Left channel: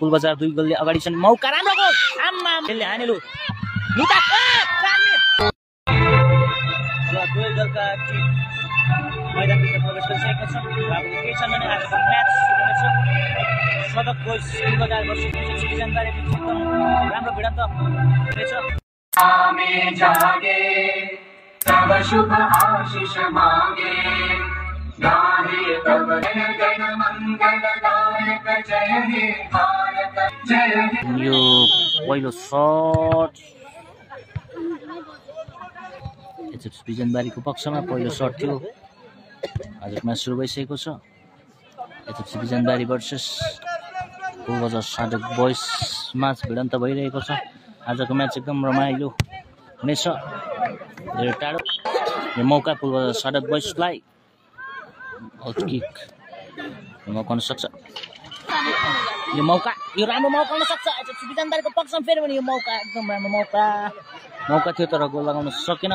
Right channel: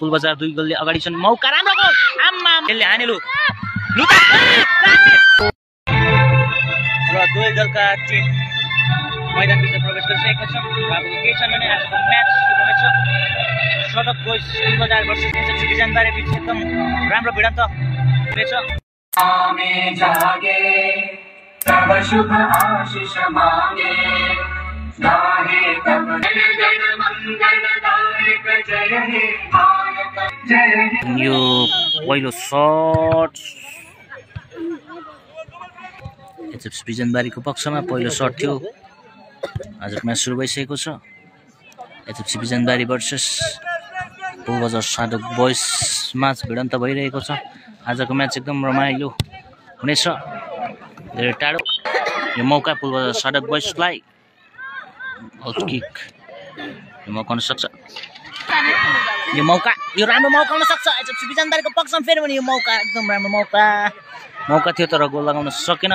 पुलबजार 2 गोलले अगाडि छन् मौका राम्रो गोल आम्मा यसले हाने लु लुका र दुवै दलका टिम मैदानभित्र प्रवेश गरिसकेको छ बाबु के छ भने आजको म्याच सुरु हुनेछ सडक बोइज पुलबजार वर्सेस बिजनबारी बीच एकदम राम्रो भिडन्त हुनेछ तब शुभ आशीष मांगे गाहे तब दिन मंगलदायक जय हे भारत जय यो पहिलो शट एचएफ बिजनबारीको पक्षमा पहिलो शट थियो आजको म्याच सुरु भइसकेको छ एचएफ बिजनबारी भर्सेस पुलबजार साधक बोइज म्याच भिडन्त भइरहेको छ आजको म्याच एकदम रमाइलो हुनेछ धेरै टाढो यो मौका पुलबजार साधक बोइजलाई आउट किक यो मौका हुन सक्छ यो मौका यो राम्रो मौका हुन सक्छ एचएफ बिजनबारीको पक्षमा फेरि पनि यो मौका एकदम राम्रो मौका थियो तर गोल लगाउन सकेन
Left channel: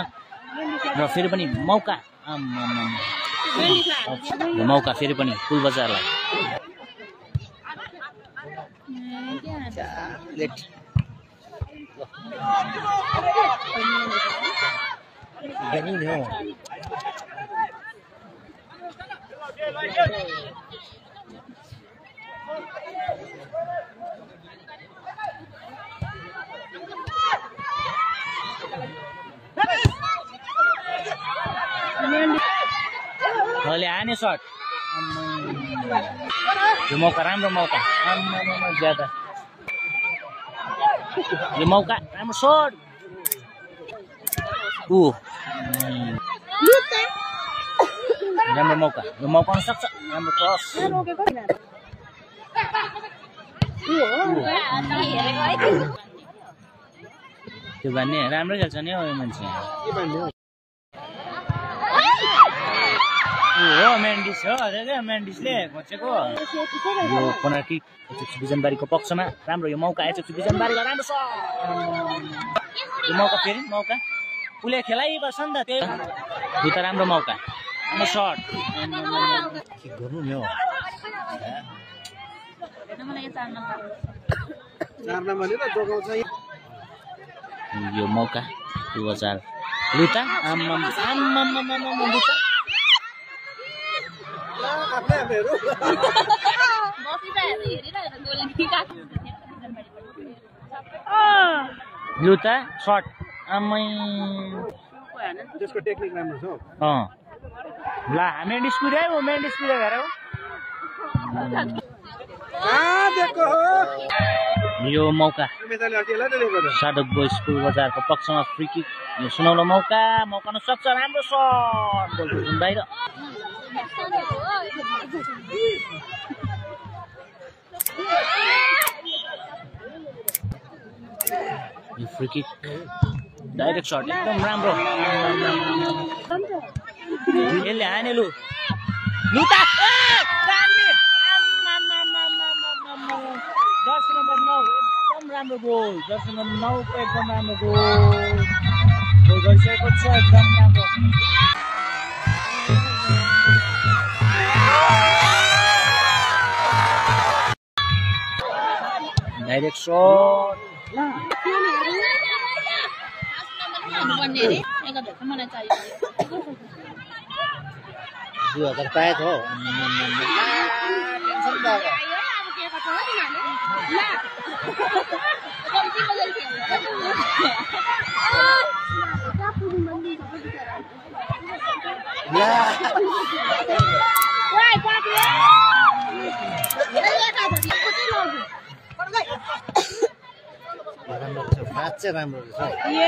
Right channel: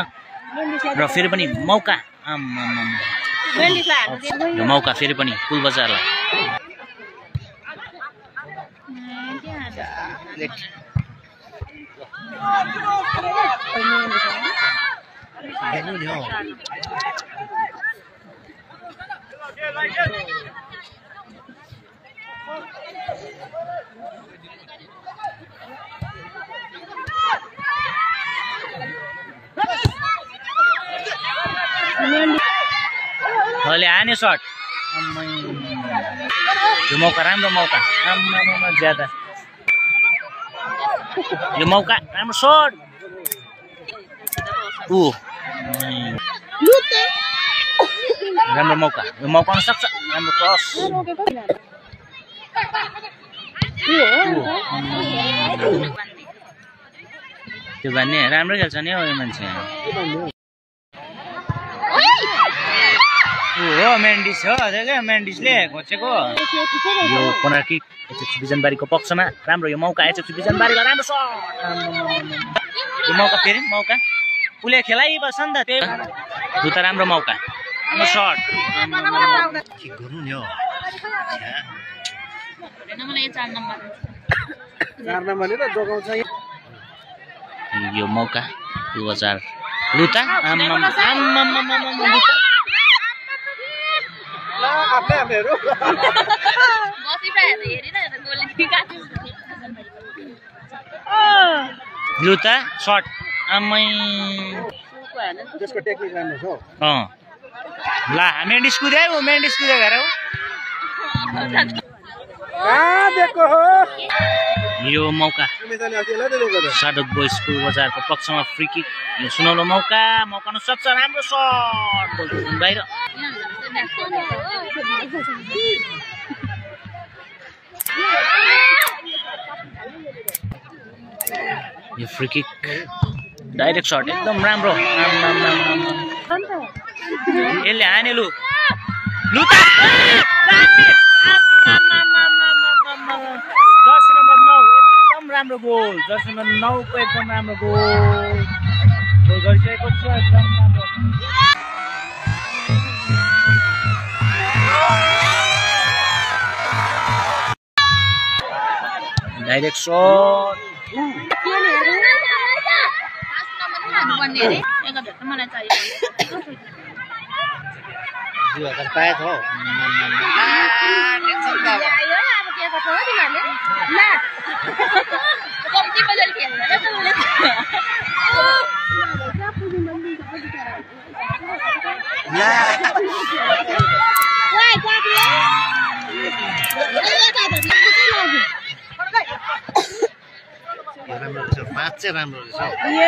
र फेरि पनि मौका यो मौका फेरि पनि पुलबजारलाई अहिले हाने शट यो मौका राम्रो मौका ज्यादा यो मौका राम्रो शट राम्रो मौका यो मौका हुन सक्छ राम्रो क्रस त्यो भन्ने राम्रो खेल्छ नि हौ यो मान्छे हो मेन्डिस हो मेन्डिसले घोचेको यो कर्नर किक एचएफ बिजनबारीको पक्षमा राम्रो यो मौका एचएफ बिजनबारीलाई राम्रो शट यो मौका फेरि मौका उसले खेलाइबस्छ नि त त्यही दुईटा राम्रो मौका राम्रो शट किक गर्नु नि हो यो मौका पुलबजार लुटा लुटा शट आमै त्यसको टेक्निक राम्रो छ ला मेन्डिस कुद्यो हेर यो मौका साधक बोइज पुलबजारको पक्षमा फ्री किक यो सुनौलो मौका हुन सक्छ राम्रो शट गोल बाहिर यो फ्री किक डाइरेक्ट शट एकदम राम्रो यसले हाने लु लुटा जर्सी नम्बर 9 एकदम राम्रो गोल जर्सी नम्बर 9 को एकदम राम्रो गोल गरिसकेको छ एकदम राम्रो डाइरेक्ट शट मलाई चाहियो 2000 पाएको हो टेन्सन अब के गर्छ हो तिमीहरुले ला कम्ती बजेट खेल्छ ला राम्रो छ पाँच चाहिँ राम्रो रहेछ ए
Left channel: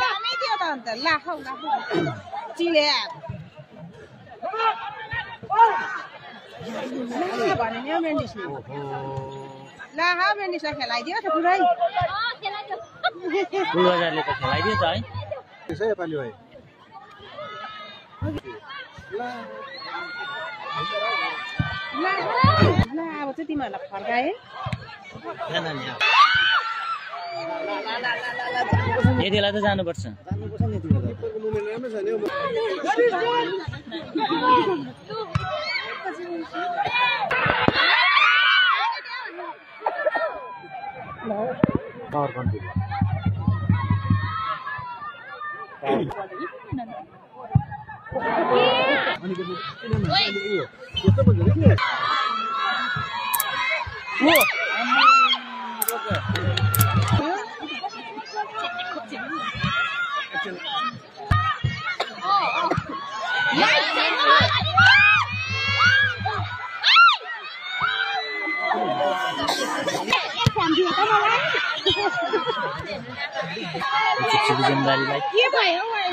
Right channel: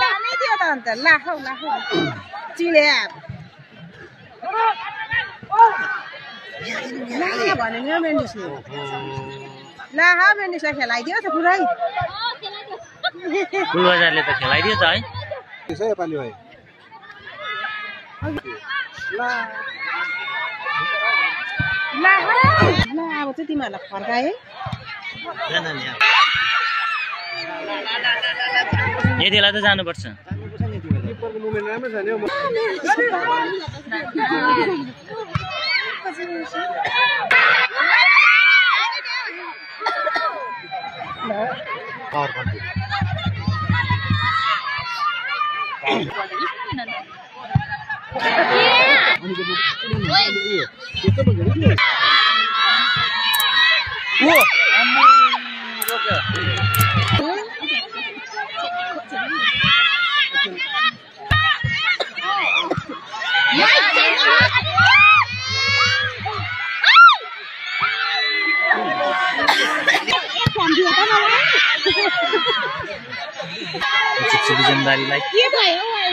दामी थियो त अन्त ला खौ चिले भने नि मेन्डिसले ला हा मेन्डिसलाई खेलाइदियो त पुरै पुलबजारले त खेलाइदियो त है त्यसै योपालि भयो ला अब चाहिँ तिमीहरूलाई फर्काए यतिलाई त जानुपर्छ बिजनबारीलाई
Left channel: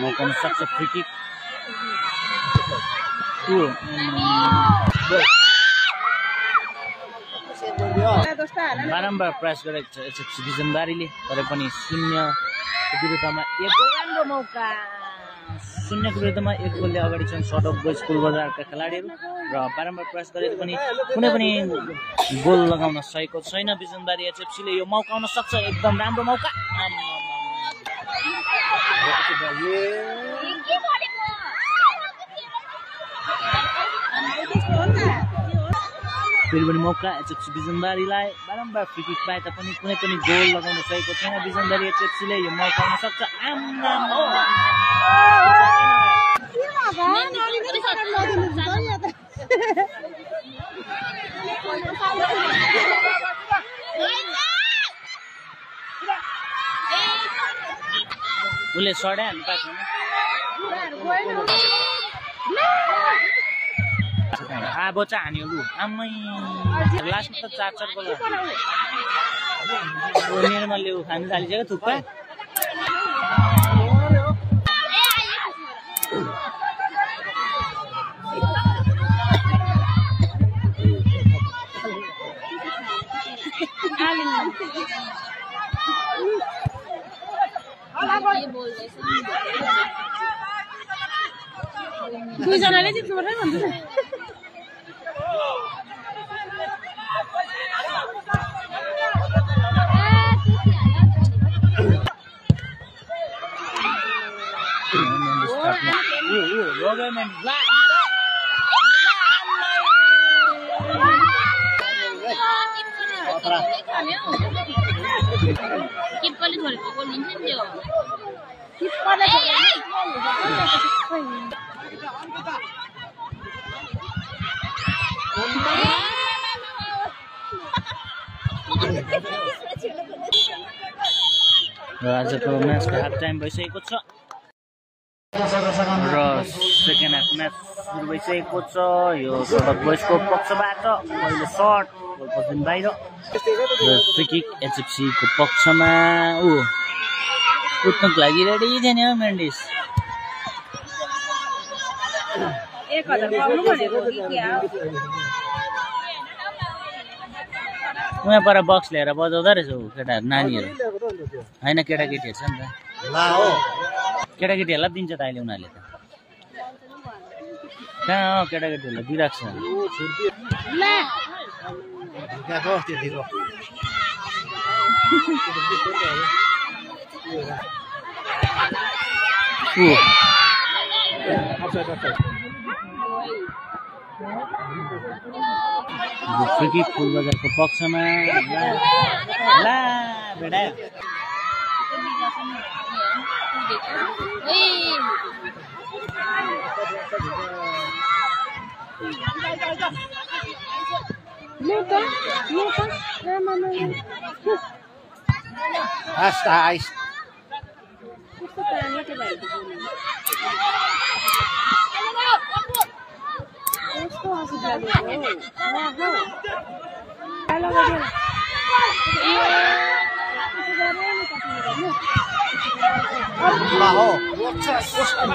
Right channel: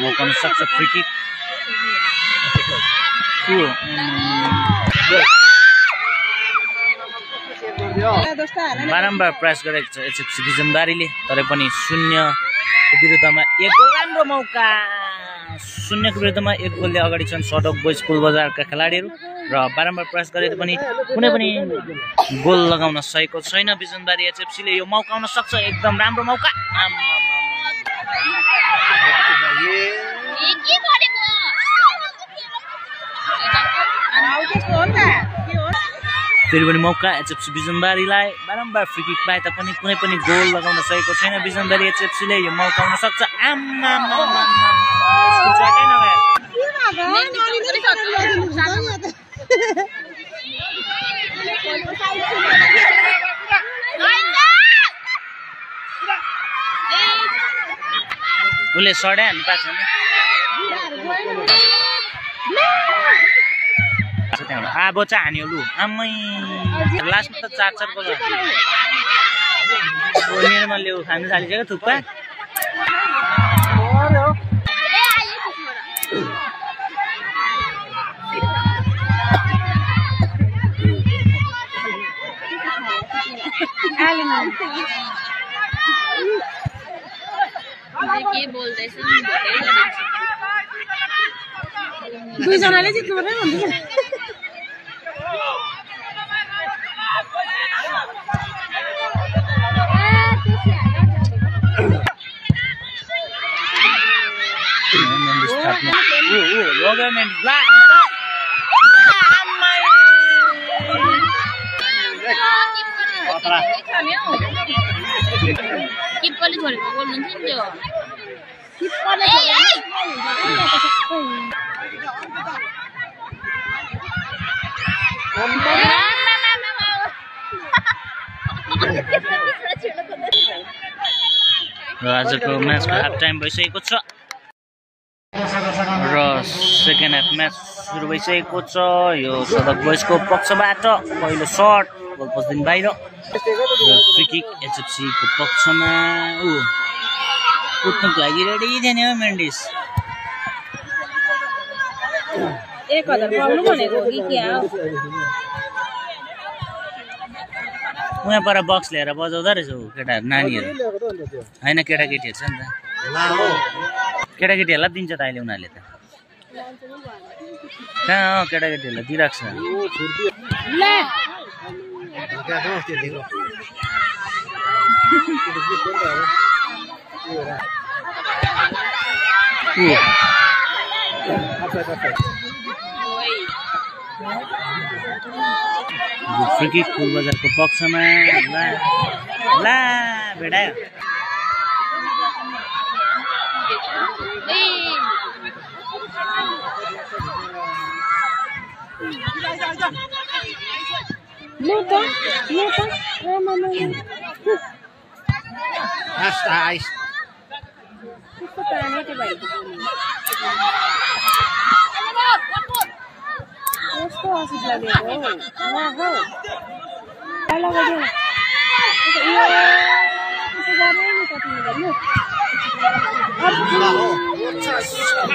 मौका सक्छ फ्री किक बारम्बार प्रयास गरेको छ एचएफसी बिजनबारीले तर पनि 0 को विरुद्धमा 1 गोल राम्रो मौका 0 को विरुद्धमा 1 गोलले अगाडि छन् सडक बोइज पुल बजारका खेलाडीहरू र बारम्बार प्रयास गरेर पनि कुनै पनि गोल लगाउन सकेको छैन बिजनबारी एचएफसीले यो मौका आउन सक्छ एकदम राम्रो मौका फेरि पनि मौका एचएफसी बिजनबारीलाई बारम्बार फ्री किक पाए तापनि कुनै पनि गोल लगाउन सकेको छैन बिजनबारी एचएफसीले यो मौका आउन सक्छ उसले सडा हान्नु पाएको छैन बच्चा हान्यो लु आमै लास्टमा त 4 गोल निर्मलले खानु थालिसक्यो थुक्पा के बोल्दैछ दुईजनाले चाहिँ के भन्दै किपरले छोडेको गोल हुन्छ नि त्यो किपरले र आजको म्याचको हाफ टाइम भइसकेको छ र सेकेन्ड हाफ म्याच सुरु भइसकेको छ यो सडक बोइजको पक्षबाट पहिलो शट गोल पोस्टदेखि बाहिर र फ्री किक एचएफसी को पक्षमा कुद्नुको लागि रेडी थिएन हो मेन्डिस उहाँ पर बक्स लिएर बजाउँदो रहेछ केटाहरू नानीहरू होइन केटाकेटीहरू छ नि त केटाकेटीहरूलाई दिन्छ त अहिले उनीहरूले त कहाँ हो केटाकेटीहरूलाई दिइरहेको छ फ्री किक पुल बजारको पक्षमा ला भेडायो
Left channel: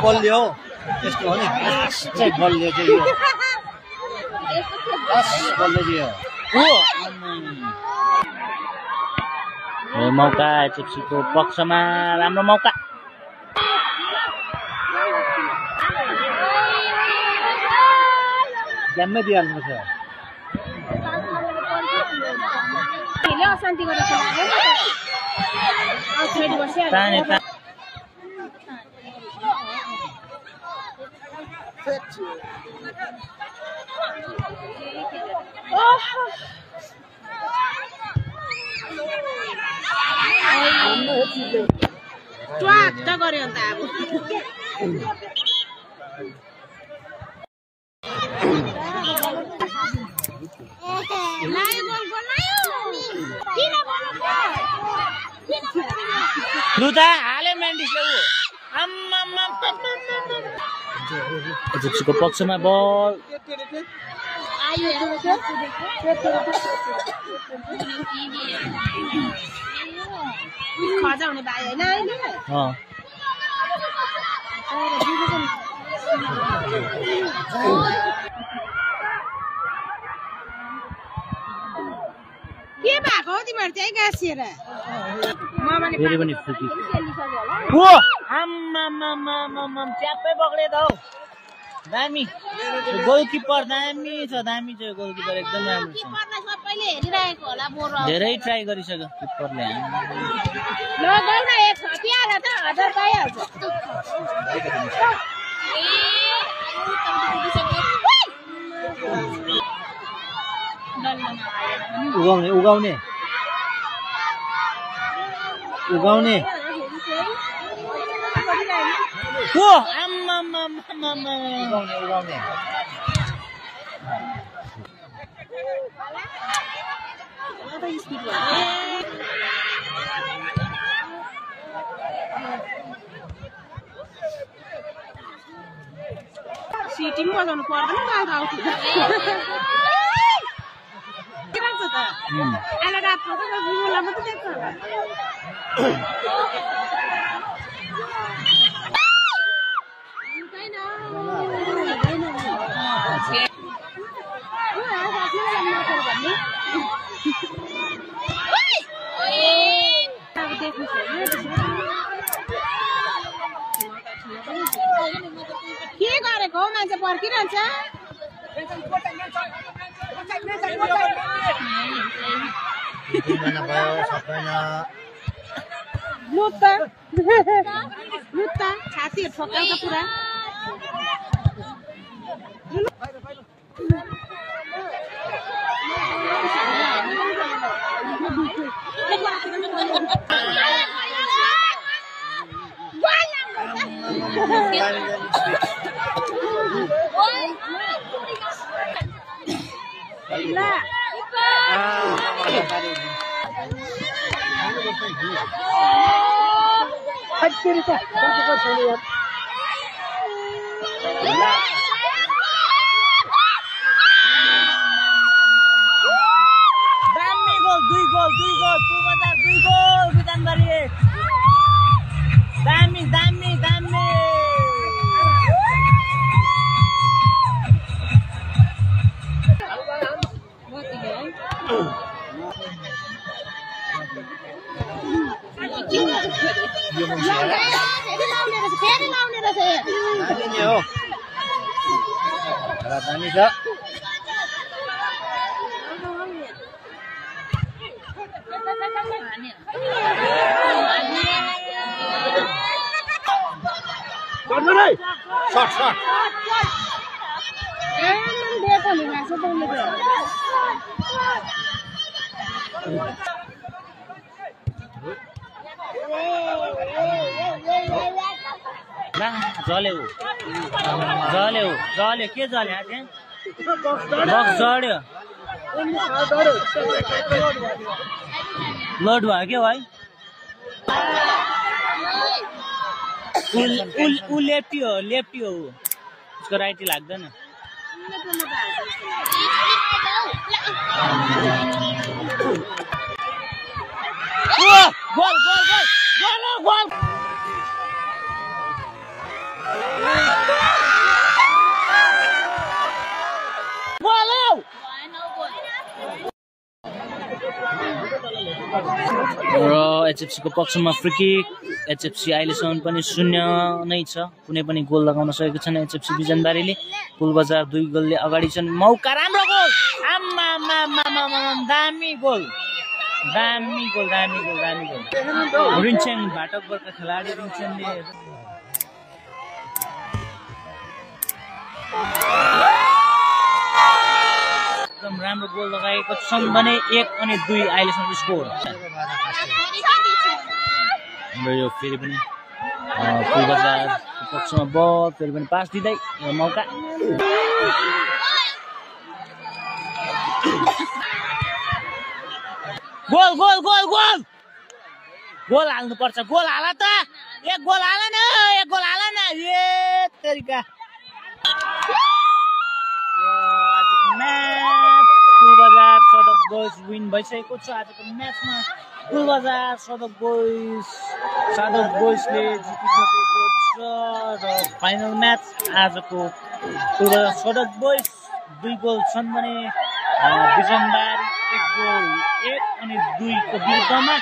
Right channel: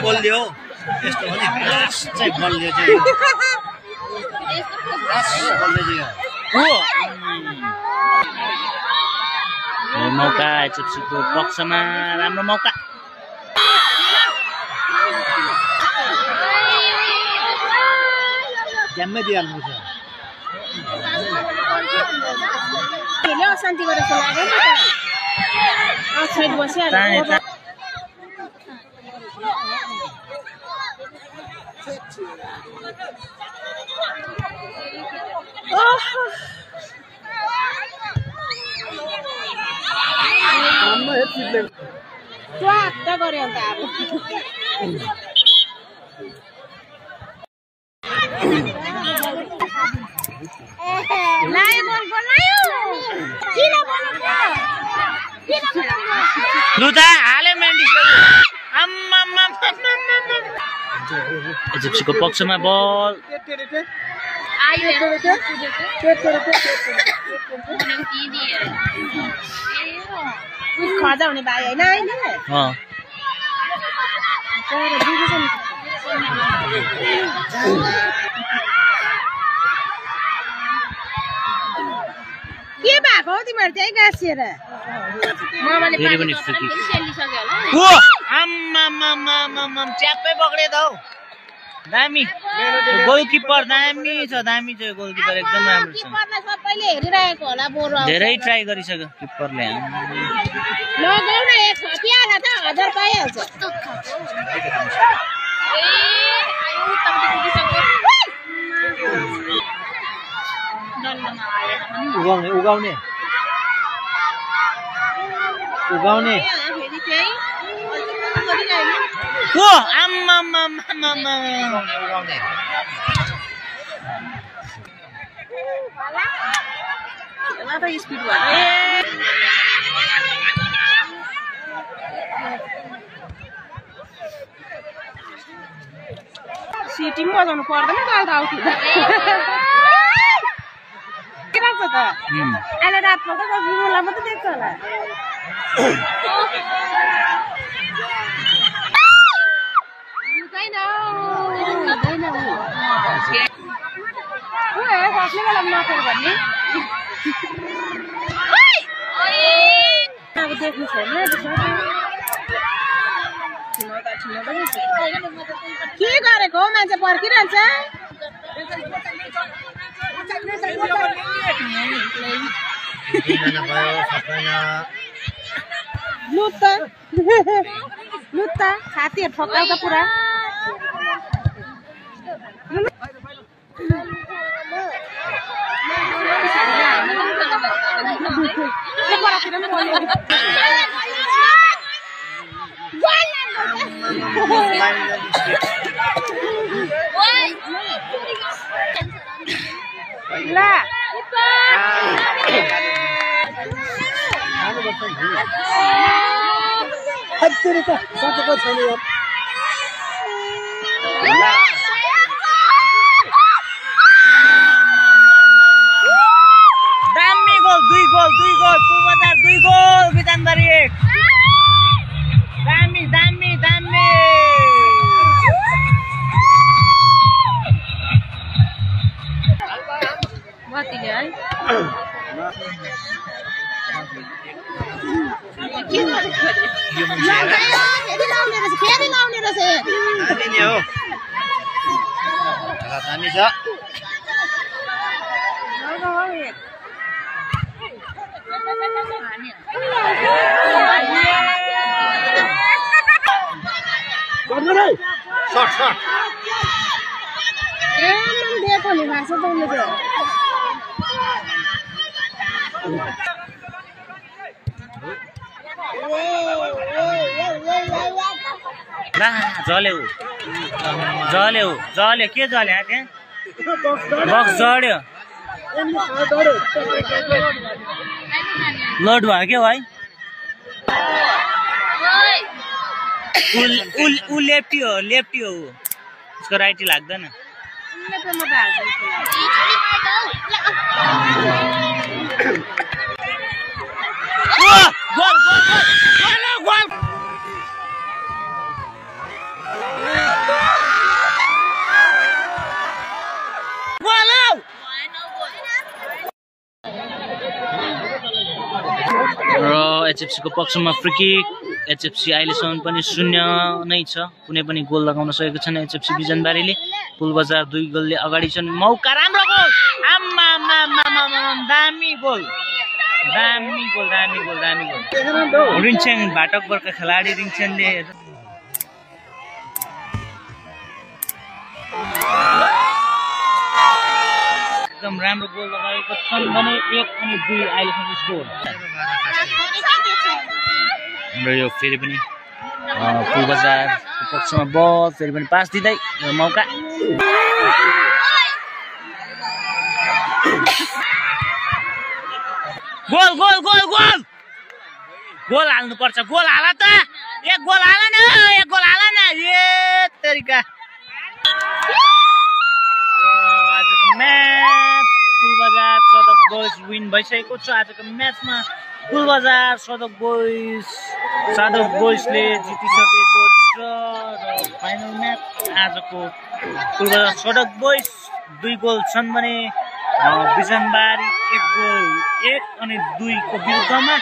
बलियो यस्तो हो नि चाहिँ बलियो चाहिँ मौका एचएफसीको पक्षमा राम्रो मौका ज्याम्मै दिइहाल्नु छ ट्वाक्क गऱ्यो अन्त अब लुता हाले मेन्डिस एचएफसी को पक्षमा बल आयो हेर्नु त खजा हुने भाइ हैन अहिले के भएको हो तिमीहरु चाहिँ गाँसिएर फेरि पनि फ्री किक सेलिसक्यो होला ओ आम्मा च्याप्पै पक्रे त हौ दामी गोलकिपर दामी छ गोलकिपर एकदम राम्रो छ किपरले सबैले हेरिरहेको होला बोरो धेरै ट्राई गरिसक्यो किपरले लगाउ न एक पियाला त 1000 पाइहाल्छ उगाउने ओ आम्मा स्पिड भयो सिटी पनि बजाउनु पर्दैन गाल त आउट हुँदा के लाग्छ त अहिले रातमा त बिमला मात्रै देख्छ होला देख्नु छैन के गरेको हो मान्छे पर्खिरहन्छ लुत्त छातीहरू ठोक्काउँछ पुरा दामी गोल दुई गोल पूर्वजार 2 गोल बितानबारी 1 दामी जल्यो के जल्यो त्यहाँ बक्स जड्यो लोड भयो क्या भाइ ऊ लेफ्टी हो उसको राइटी लाग्दैन गोल र एचएफसी को पक्षमा फ्री किक एचएफसी अहिलेसम्म पनि 0 नै छ कुनै पनि गोल लगाउन सकेको छैन एचएफसी बिजनबारीले पुलबजार 2 गोलले अगाडि छन् मौका राम्रो गोल दामी गोल रिङछेङ भाटकबरका खेलाडी रिङछेङले एकदम एकदम राम्रो गोल लगाएको छन् भने 1 अनि 2 अहिलेसम्म स्कोर। हाम्रो यो फेरि पनि पुलबजारको पक्षमा बल फेरि पनि पास दिँदै मौका goal goal goal goal goal हाल्नुपर्छ। गोल हाल त, एक गोल हाल न, एक गोल हाल न। ए तरिका आजको म्याच पुलबजार सदक बोइज विन भइसकेको छ। आजको म्याचमा पुलबजार सदक बोइजले जितिसकेको छ र फाइनल म्याच आजको पुलबजार सदक बोइज 2 गोल छन् भने बिजनबारी 1 गोल 1 अनि 2 को विरुद्धमा।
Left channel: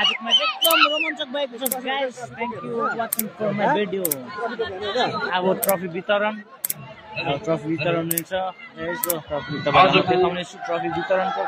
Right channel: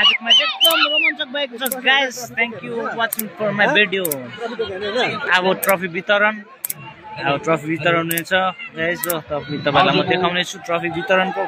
आजको म्याच एकदम रोमाञ्चक भएको छ guys. Thank you watching for my video. अब ट्रफी वितरण हुनेछ गाइस, तपाईँलाई म देखाउनेछु ट्रफी वितरणको।